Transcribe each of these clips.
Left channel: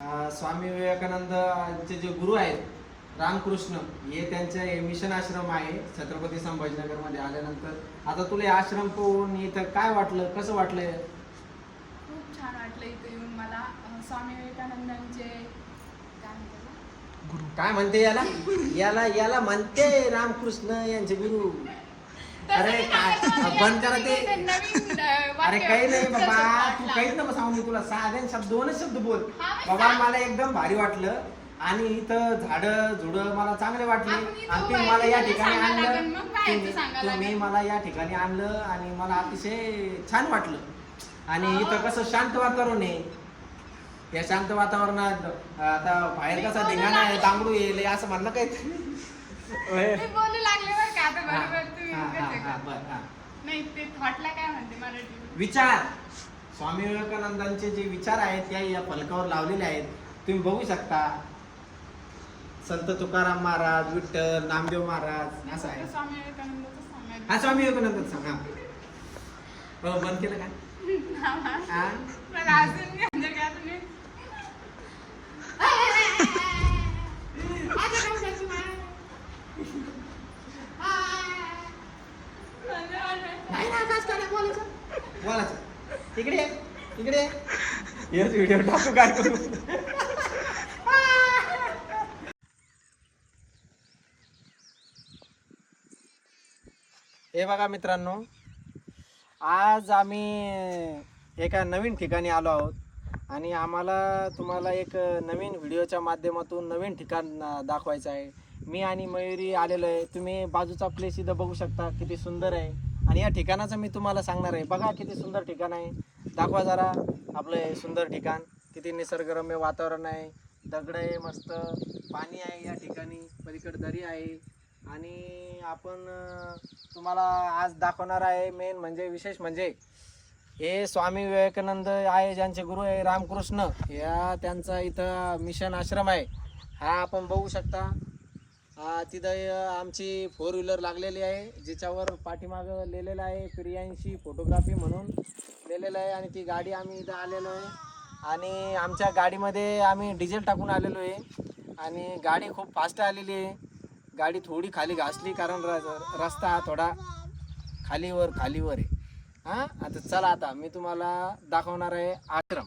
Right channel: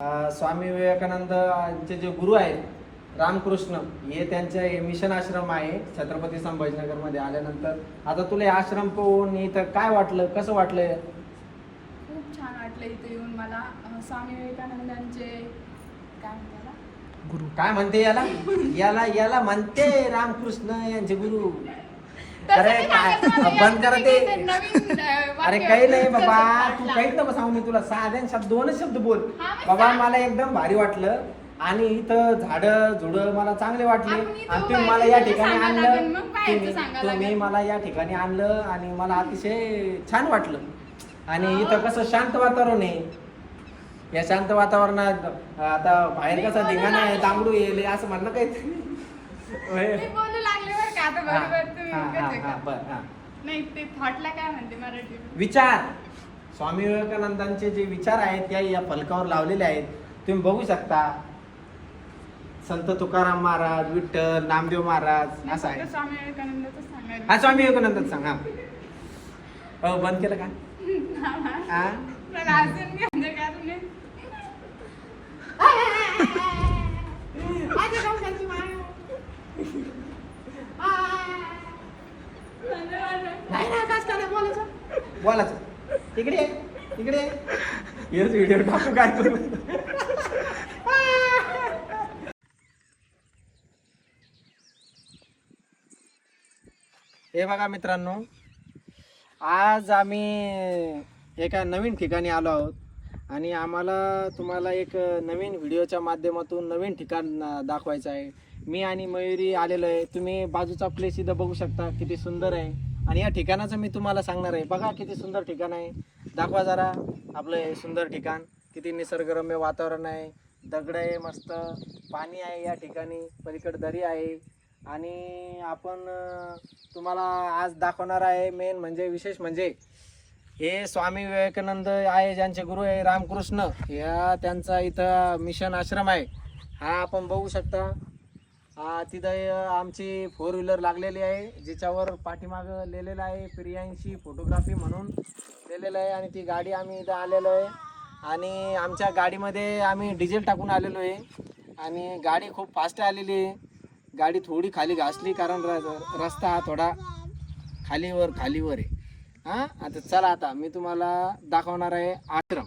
स्वामी विवेकानंदचे जे गुरु आहेत रामकृष्ण हे त्यांचे मिशन आश्रम आहे छत्रपती संभाजीनगर मध्ये आल्यानंतर. आता तुला हे आश्रम पाहून इथं काय वाटलं, कसं वाटलं? खूप छान वाटलं इथं येऊन मला. स्वामी विवेकानंदांचे गुरु काय म्हणते याला याला याला म्हणते रामकृष्ण यांचे गुरु. अरे बंद करा ते. अरे काही नाही बाबा, तू काहीच नको सांगू, मी तुला साधे शब्द दोनच शब्द बोल बाबा. मला एकदम भारी वाटलं आणि इथं झाडं झुडं मला चांगले वाटले आणि तुम्ही मला या ठिकाणी आणलं, तुम्ही मला या ठिकाणी आणलं आणि मला अतिशय छान वाटलं. आणि इथं कसं शांत वातावरण आहे. या शांत वातावरणात आता बाहेर कसा धिंगाणा आहे, तांबडू येईल असं म्हणलं काही विचार. स्वामी विवेकानंदांचे जे विचार आहेत या फलकावर लावलेले आहेत, तुम्ही बघू शकता. संत तुकाराम महाराज, विठ्ठल, नामदेव महाराज असं आहे. हा स्वामी विवेकानंद सांगा. हो बंद केलं का? बोला इकडे इकडे व्हिडिओ टाकू काय करू. हे बघा मित्रांनो, आज आम्ही एका नवीन ठिकाणी आलो आहोत आणि आम्हाला तुम्हाला एक नवीन व्हिडिओच्या माध्यमातून नवीन ठिकाण दाखवायचं आहे. मी आणि मयुरी आलेलो आहे. तुम्ही बाजूचा प्लेस इथं बघू शकता किती सुंदर आहे आणि या ठिकाणाचं मी तुम्हाला सांगणार आहे. बघा किती सुंदर ठिकाण आहे. दाखवा जरा आपलं हे सुंदर ठिकाण. किती निसर्गरम्य वातावरण आहे. दगड आहे, मस्त पाणी आहे या ठिकाणी, पलीकडे दरी आहे. आणि आपण तुम्हाला आज दाखवणार आहे मेन म्हणजे विशेष म्हणजे हे स्वामी विवेकानंद आहे ज्यांचे गुरु आहे रामकृष्ण, या त्यांचा इथं मिशन आश्रम आहे. हा आपण बघू शकता. तिथं आमची 4 व्हीलर लागलेली आहे ज्याच्यावर पाठीमागं लिहिलेलं आहे प्रियांशी फोटोग्राफी म्हणून लिहिलेलं आहे. आणि ती गाडी आम्ही इथं आलेलो आहे आणि आमच्या गाडीमध्ये आम्ही डिझेल टाकून आलेलो आहे आणि गाडी खूप फास्ट आलेली आहे. गाडी थोडी खाली घासली कारण रस्ता हा थोडा खालीवर आहे. हां आता चला, आता मी तुम्हाला दाखवणार आहे आश्रम.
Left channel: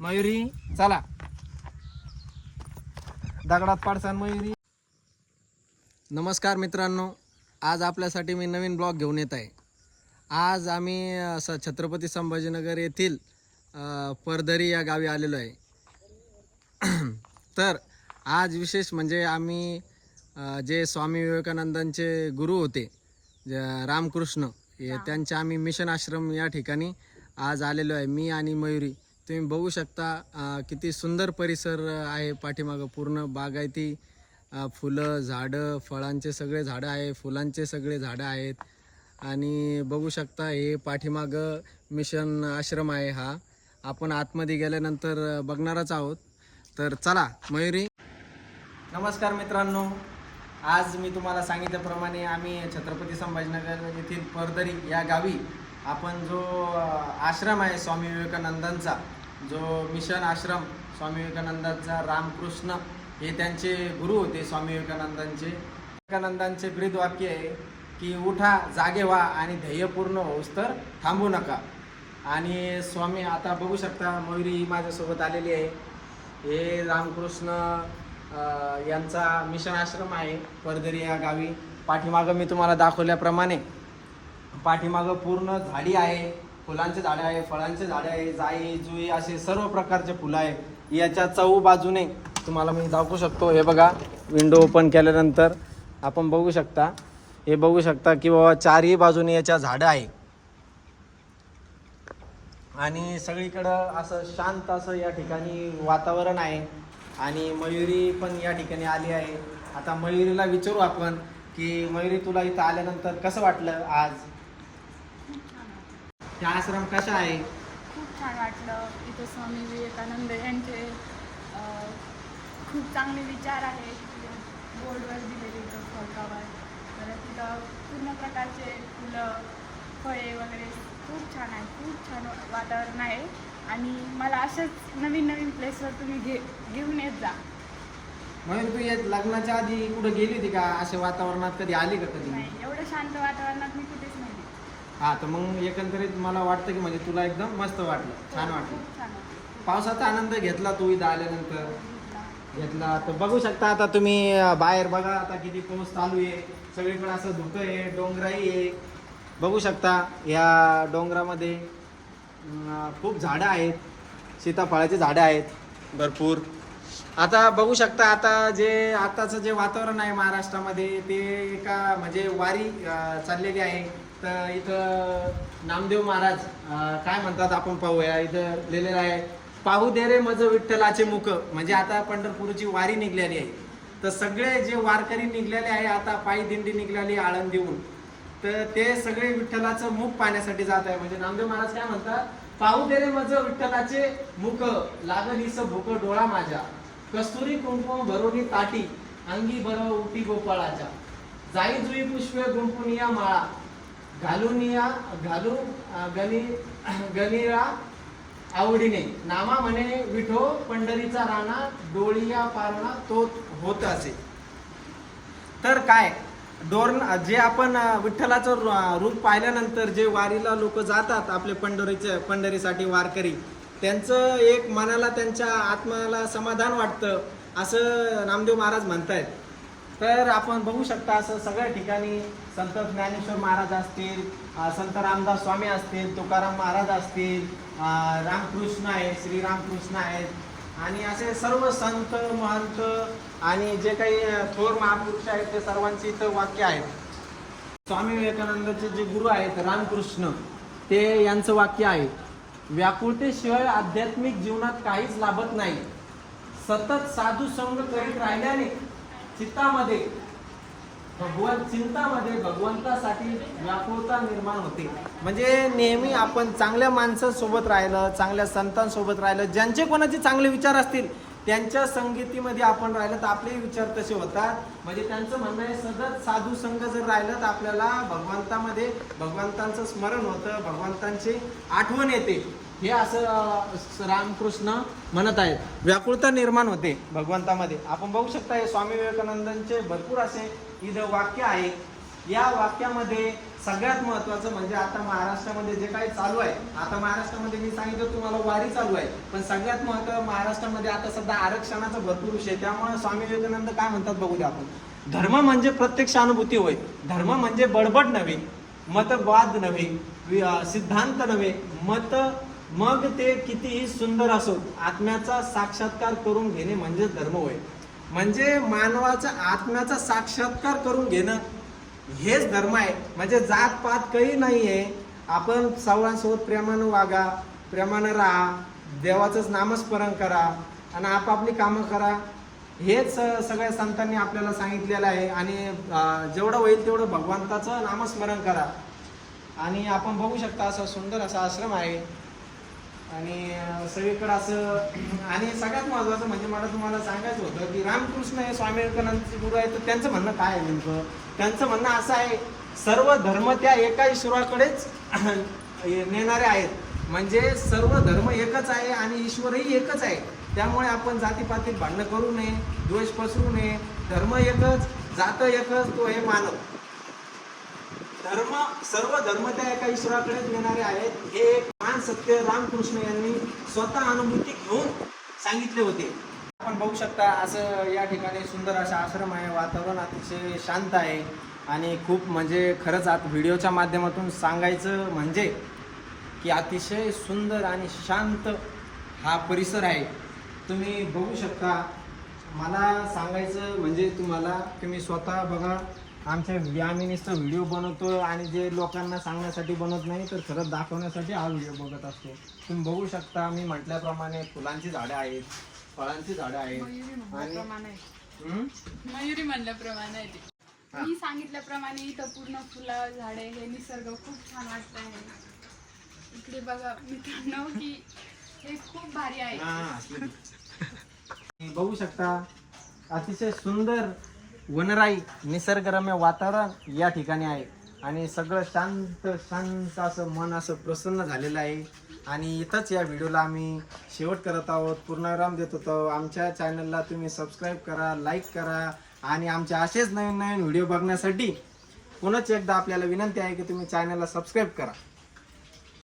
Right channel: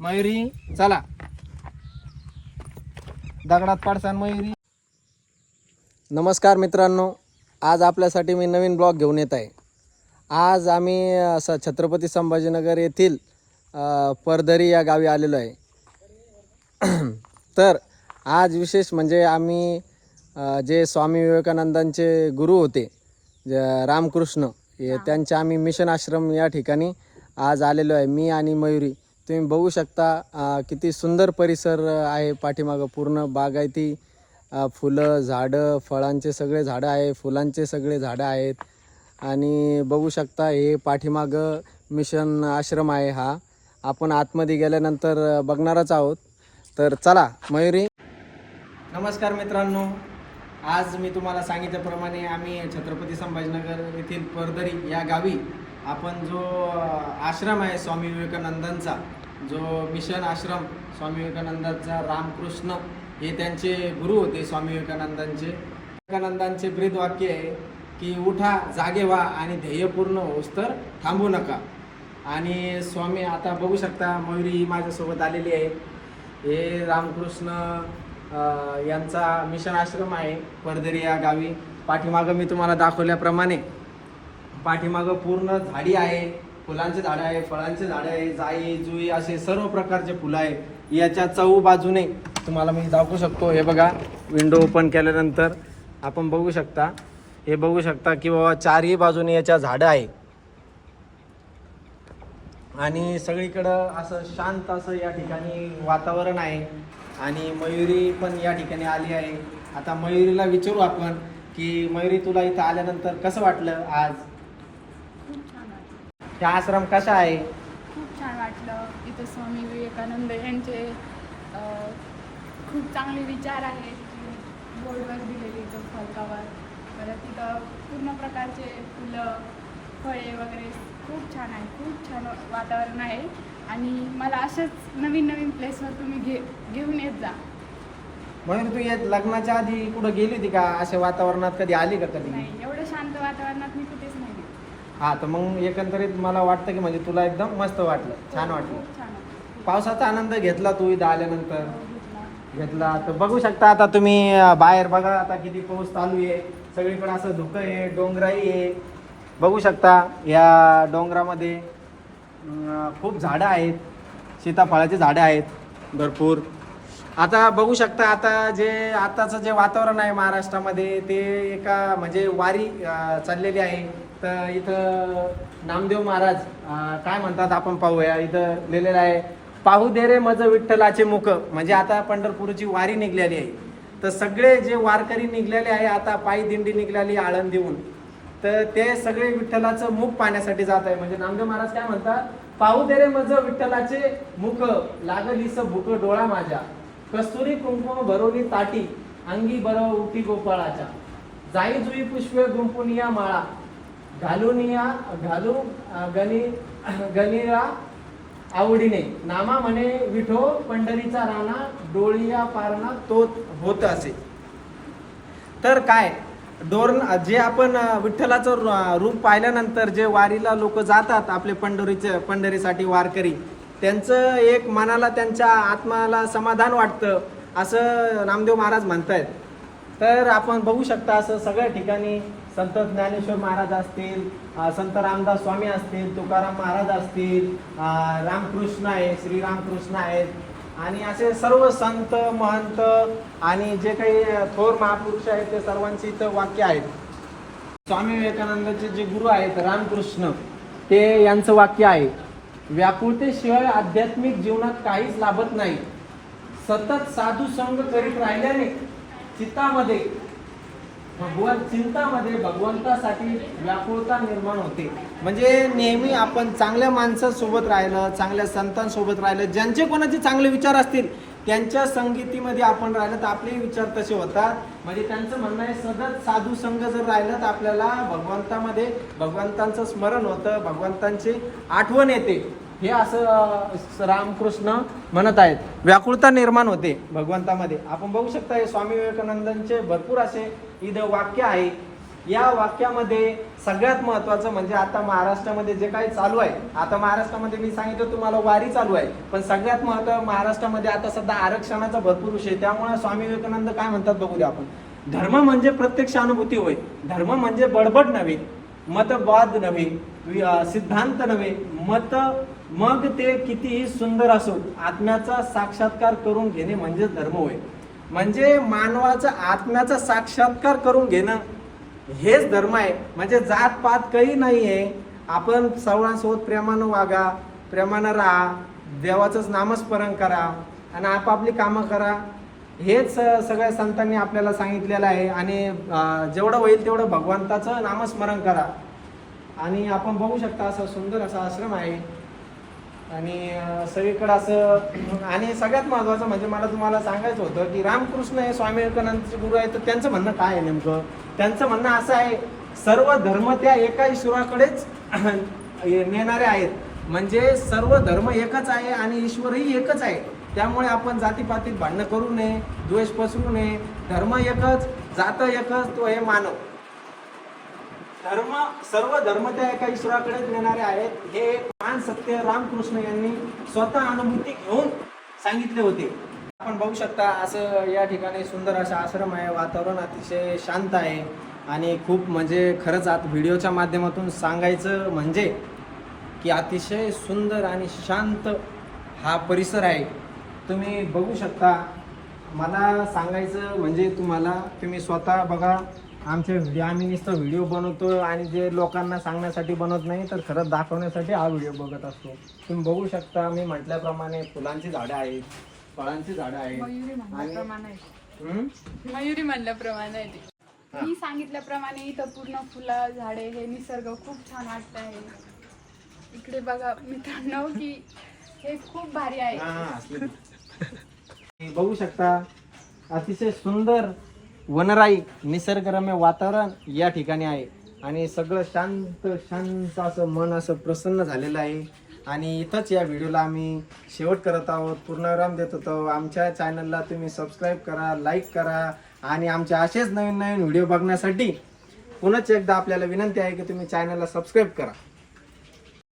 मयुरी चला, दगडात पाडसान मयुरी. नमस्कार मित्रांनो, आज आपल्यासाठी मी नवीन ब्लॉग घेऊन येत आहे. आज आम्ही असं छत्रपती संभाजीनगर येथील परदरी या गावी आलेलो आहे. तर आज विशेष म्हणजे आम्ही जे स्वामी विवेकानंदांचे गुरु होते रामकृष्ण हे त्यांचे आम्ही मिशन आश्रम या ठिकाणी आज आलेलो आहे, मी आणि मयुरी. तुम्ही बघू शकता किती सुंदर परिसर आहे. पाठीमागं पूर्ण बागायती फुलं, झाडं, फळांचे सगळे झाडं आहे, फुलांचे सगळे झाडं आहेत. आणि बघू शकता हे पाठीमागं मिशन आश्रम आहे. हा आपण आतमध्ये गेल्यानंतर बघणारच आहोत. तर चला मयुरी. नमस्कार मित्रांनो, आज मी तुम्हाला सांगितल्याप्रमाणे आम्ही छत्रपती संभाजीनगर येथील परदरी या गावी आपण जो आश्रम आहे स्वामी विवेकानंदांचा, जो मिशन आश्रम स्वामी विवेकानंदांचा रामकृष्ण हे त्यांचे गुरु होते स्वामी विवेकानंदांचे ब्रीदवाक्य आहे की उठा, जागे व्हा आणि ध्येय पूर्ण होस तर थांबू नका. आणि स्वामी आता बघू शकता मयुरी माझ्यासोबत आलेली आहे. हे रामकृष्ण यांचा मिशन आश्रम आहे परदरी या गावी. पाठीमागं मी तुम्हाला दाखवल्याप्रमाणे पाठीमागं पूर्ण झाडी आहे, फुलांचे झाडं आहे, फळांचे झाडं आहे, जाई जुई असे सर्व प्रकारचे फुलं आहे. याच्या चहू बाजूने तुम्हाला मी दाखवू शकतो. हे बघा, विंडो ओपन केल्यानंतर आपण बघू शकता, हे बघू शकता की बाबा चारही बाजूने याच्या झाडं आहे आणि सगळीकडं असं शांत असं या ठिकाणी वातावरण आहे. आणि मयुरी पण या ठिकाणी आली आहे. आता मयुरीला विचारू आपण की मयुरी, तुला इथं आल्यानंतर कसं वाटलं आज? खूप छान वाटलं. हा आश्रम कसा आहे? खूप छान वाटलं. इथं स्वामी विवेकानंद यांचे खूप चांगले विचार आहेत बोर्डवर दिलेले इथं फलकावर. परत तिथं पूर्ण प्रकारचे फुलं, फळे वगैरे खूप छान आहे. खूप छान वातावरण आहे आणि मला अशाच नवीन नवीन प्लेसवर तुम्ही घेऊन येत जा. म्हणून तू येत लग्नाच्या आधी कुठं गेली होती का अशा वातावरणात, कधी आली का कधी? नाही, एवढं शांत वातावरणात मी कुठेच नाही गेले. हा, तर मग एकंदरीत मला वाटतं की म्हणजे तुला एकदम मस्त वाटलं, छान वाटलं. खूप छान वाटलं. पावसाचा आनंद घेतला तू इथं आल्यानंतर? घेतला. घेतला. तर बघू शकता आता तुम्ही बाहेर बघा आता किती पाऊस चालू आहे, सगळीकडे असं धुकं आहे, डोंगराई आहे. बघू शकता या डोंगरामध्ये खूप झाडं आहेत, सीताफळाची झाडं आहेत भरपूर. आता बघू शकता आता जे आताचं जे वातावरण आहे महाराष्ट्रामध्ये ते एका म्हणजे वारी चाललेली आहे. तर इथं नामदेव महाराज काय म्हणतात आपण पाहूया. इथं लिहिलेलं आहे, पाहू दे रे मज विठ्ठलाचे मुख. म्हणजे आता पंढरपूरची वारी निघलेली आहे. तर सगळे जे वारकरी निघलेले आहे आता पायी दिंडी निघलेली आळंदीहून, तर ते सगळे विठ्ठलाचं मुख पाहण्यासाठी जात आहे. म्हणजे नामदेव महाराज काय म्हणतात, पाहू दे रे मज विठ्ठलाचे मुख, लागलीस भूक डोळा माझ्या, कस्तुरी कुंकुम भरोनी ताटी, अंगी बरो उटी गोपाळाच्या, जाई जुई पुष्प गुंपुनिया माळा, घालू गणिरा आवडीने, नामा म्हणे विठो पंढरीचा राणा, डोळिया पारणा तो होत असे. तर काय जे आपण विठ्ठलाचं रूप पाहिल्यानंतर जे वारीला लोक जातात आपले पंढरीसाठी वारकरी, त्यांचं एक मनाला त्यांच्या आत्माला समाधान वाटतं असं नामदेव महाराज म्हणतायत. तर आपण बघू शकता असं सगळ्या ठिकाणी संत ज्ञानेश्वर महाराज असतील, संत रामदास स्वामी असतील, तुकाराम महाराज असतील, रामकृष्ण आहे, श्रीरामकृष्ण आहेत, आणि असे सर्व संत महंत आणि जे काही थोर महापुरुष आहेत ते सर्वांची इथं वाक्य आहेत. स्वामी विवेकानंदाचे जे गुरु आहेत रामकृष्ण, ते यांचं वाक्य आहे, व्याकुळतेशिवाय आध्यात्मिक जीवनात काहीच लाभत नाही. सतत साधू संग करीत राहिल्याने चिंतामध्ये भगवंतासाठी व्याकुळता निर्माण होते. म्हणजे नेहमी आपण चांगल्या माणसांसोबत राहिलं, चांगल्या संतांसोबत राहिलं, ज्यांचे कोणाचे चांगले विचार असतील त्यांच्या संगतीमध्ये आपण राहिलं तर आपले विचार तसे होतात. म्हणजे त्यांचं म्हणणं आहे, सतत साधू संग जर राहिलं तर आपल्याला भगवंतांचं स्मरण होतं, भगवंतांची आठवण येते. हे असं रामकृष्ण म्हणत आहेत. व्याकुळता निर्माण होते भगवंतामध्ये. आपण बघू शकता हे स्वामी विवेकानंदांचे भरपूर असे इथं वाक्य आहे. या वाक्यामध्ये सगळ्यात महत्वाचं म्हणजे आता महाराष्ट्रामध्ये जे काही चालू आहे, आता महाराष्ट्रामध्ये मी सांगितलं तुम्हाला वारी चालू आहे, पण सगळ्यात महत्त्व महाराष्ट्रामध्ये आता सध्या आरक्षणाचा भरपूर विषय. त्यामुळे स्वामी विवेकानंद काय म्हणतात बघू द्या आपण. धर्म म्हणजे प्रत्यक्ष अनुभूती होय, धर्म म्हणजे बडबड नव्हे, मतवाद नव्हे, सिद्धांत नव्हे, मग ते कितीही सुंदर असो, आत्म्याचा साक्षात्कार करून घेणे म्हणजे धर्म होय. म्हणजे मानवाचा आत्म्याचा साक्षात्कार करून घेणं हेच धर्म आहे. म्हणजे जात पात काही नाही आहे. आपण सर्वांसोबत प्रेमानं वागा, प्रेमानं राहा, देवाचंच नामस्मरण करा आणि आपापली कामं करा. हेच सगळ्या संतांनी आपल्याला सांगितलेलं आहे. आणि जेवढं होईल तेवढं भगवंताचं नामस्मरण करा. आणि आपण बघू शकता असं सुंदर असा आश्रम आहे आणि सगळीकडे असं. आणि सगळ्यात महत्त्वाचं म्हणजे मला तुम्हाला सांगायचं होतं की रामकृष्ण हे स्वामी विवेकानंदचे गुरु आहेत. तर त्यांचं म्हणणं काय आहे नेमकं? त्यांचं म्हणणं असं आहे, सर्व धर्म त्या एका ईश्वराकडेच नेणारे आहेत. म्हणजे सर्व धर्म एकच आहे आणि ईश्वरही एकच आहे. त्यामुळे आपण जातीपातीत भांडणं करू नये, द्वेष पसरू नये. धर्म एकच, जात एकच, तो आहे मानव. सर्व धर्म त्या एका ईश्वराकडेच नेणारे आहेत. हे महान सत्य रामकृष्ण यांनी स्वतः अनुभूती घेऊन सांगितले होते. आपण बघू शकता असं या ठिकाणी सुंदर असा आश्रम आहे. वातावरण अतिशय शांत आहे आणि खूप म्हणजे खरंच आता व्हिडिओच्या माध्यमातून सांगायचं म्हणजे की अतिशय सुंदर आणि शांत हा परिसर आहे. तुम्ही बघू शकता. मला सांगायचं म्हणजे तुम्ही स्वतः बघा. आम्ही नुसतं व्हिडिओ बनवतो आणि जे लोकांना सांगण्यासाठी बनवत नाही तर खरंच दाखवण्यासाठी हा व्हिडिओ बघत असतो. तुम्ही बघू शकता मी म्हटल्याप्रमाणे फुलांची झाडं आहेत, फळांची झाडं आहेत. मयुरी म्हणल्याप्रमाणे आहे ते. मी सांगितल्याप्रमाणे इथं पूर्ण फुलं झाडे हे निसर्ग खूप छान वाटत आहे. इकडे बघा मित्रांनो की हे खूप भारी आहे. बघू शकता अतिशय सुंदर वनराई निसर्गरम्य वातावरण या ठिकाणी आहे आणि सगळं शांत शांत असं मन असं प्रसन्न झालेलं आहे. आणि इथंच या व्हिडिओला आम्ही शेवट करत आहोत, पूर्णविराम देत होतो. आमच्या चॅनलला तुम्ही सबस्क्राईब करा, लाईक करा आणि आमचे असेच नवीन नवीन व्हिडिओ बघण्यासाठी पुन्हा एकदा आपल्याला विनंती आहे की तुम्ही चॅनलला सबस्क्राईब करा.